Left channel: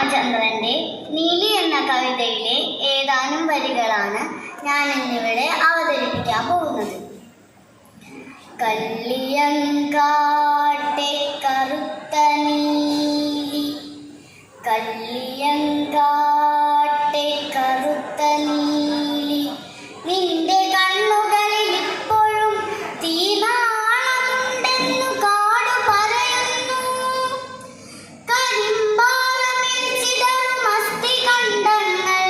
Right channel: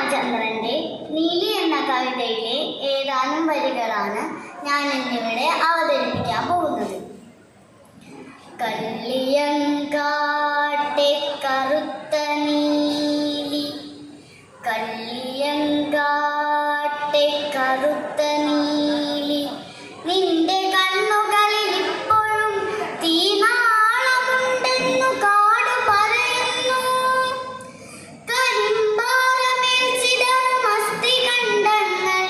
രാമചന്ദ്രന്റെ നീലി എന്ന കവിതയിലെ ഏതാനും വരികളാണ് ഞാൻ ഇന്നിവിടെ അവതരിപ്പിക്കാൻ പോകുന്നത്. കള്ളിയങ്കാട്ടെ കറുത്ത നീലി, കള്ളിയങ്കാട്ടെ കറുത്ത നീലി, നിന്റെ കണ്ണുകളിൽ ഇപ്പോഴും തീനാളമുണ്ടെന്നു കാടു പറയുന്നു. കരിമ്പാറമേൽ ചിതറും അസ്ഥികണ്ഡങ്ങൾ,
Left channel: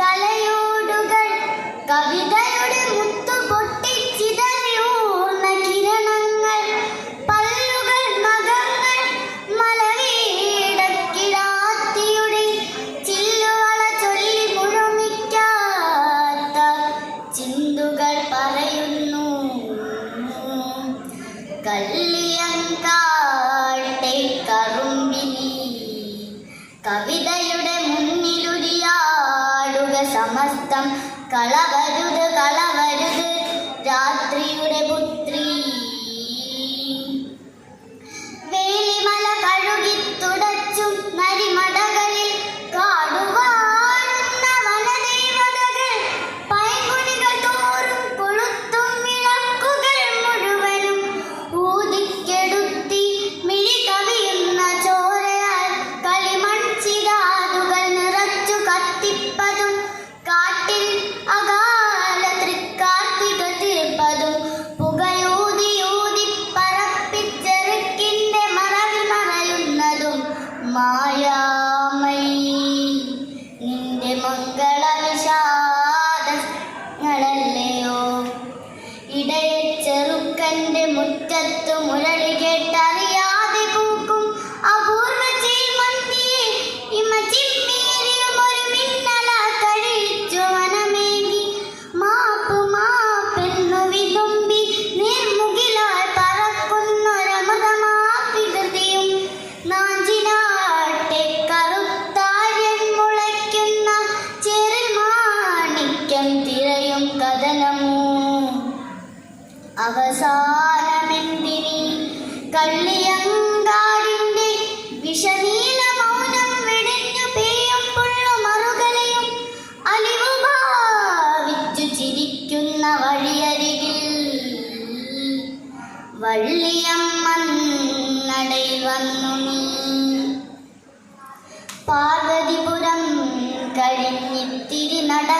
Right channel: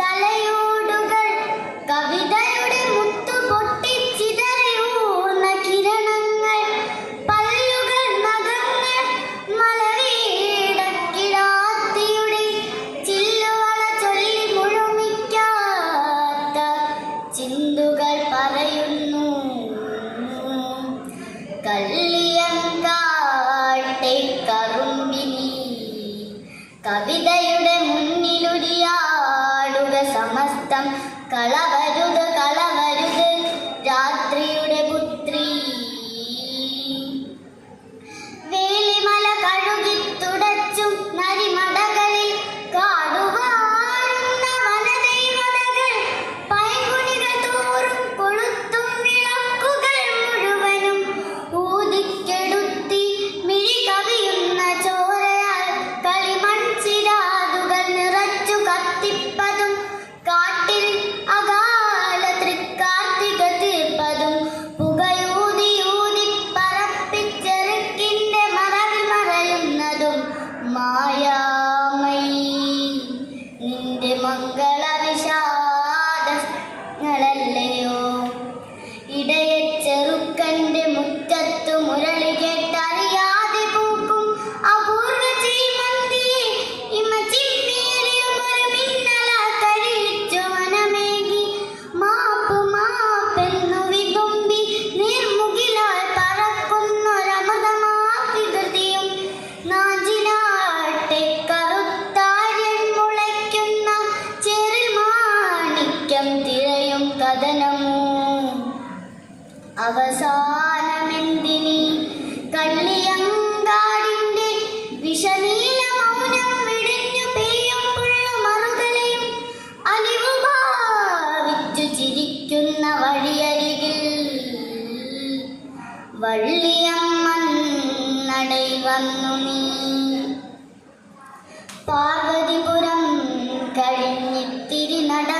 തലയോടുകൾ, കവിതയുടെ മുത്തു പൊട്ടിച്ചിതറിയൂർന്ന കിരണങ്ങൾ, പല്ലുകൾ, നഖങ്ങൾ, മലവീടക്കിടാത്തിയുടെ ചില്ലുവള ചൊല്ലി മുഴുമിക്കാത്ത ചിന്തുകൾ പറയുന്നു. കള്ളിയങ്കാട്ടെ കറുമ്പിനി, കവിതയുടെ മുന്നിലുരിയാടുക സമസ്തം. കളവരുത് കളവരുത് രാത്രിയുടെ പുത്രി. വേലിമല കഴുകി തുടച്ചും നരിമടകളിൽ കാടുവാഴുന്ന വനദേവതകൾ, പൈങ്കുനികൾ തോറും കൊളുത്തും വിളക്കുകൾ മുഴുവനും ഊതിക്കെടുത്തി മിഴി കവിയുന്ന ചോരയാൽ കളിമൺചിരാതുകൾ നിറച്ചു കത്തിപ്പതും, കാട്ടിൽ അകാല തൃക്കാർത്തിക തീർപ്പതും, പുകയൂതിയൂതി പറപ്പിച്ചെറുക്കിന്റെ മറവിൽ മറയുന്നതും മായാമയി നിന്റെ മംഗളവിഷാദങ്ങളല്ലയോ. ഇടയ ചെറുക്കന്റെ മുറ്റത്തു മുരളി കേട്ടറിയാതെ പൂക്കും അപൂർവ ചീമന്തിയെ ഇമ ചിമ്മിയെറിയും ഒരു മിന്നലാ കഴിച്ചു വനമേകി. മാപ്പ് മാപ്പെന്നു വിതുമ്പി നിർമുകിലാൽ പറക്കുന്നൊരമൃതമാകൃതിയും, നാഞ്ചിനാട്ടെ കറുത്താര്യൻ മുളയ്ക്കുന്ന ചെറിൽ മാണിക്യം തിരയും കഥനമോ. അവസാനമെന്തിനീ കള്ളിയങ്കാടിന്റെ വിഷനീല മൗനം വെടിഞ്ഞു പേയും പുള്ളുമറുകളെയും അലിവു ഭാവിച്ചു ചിരിക്കുന്ന വഴിയരികിൽ വള്ളിയമ്മന്നടയിൽ വന്നു നീ. പാർവതിപുരം കഴിഞ്ഞിത്തിരി നട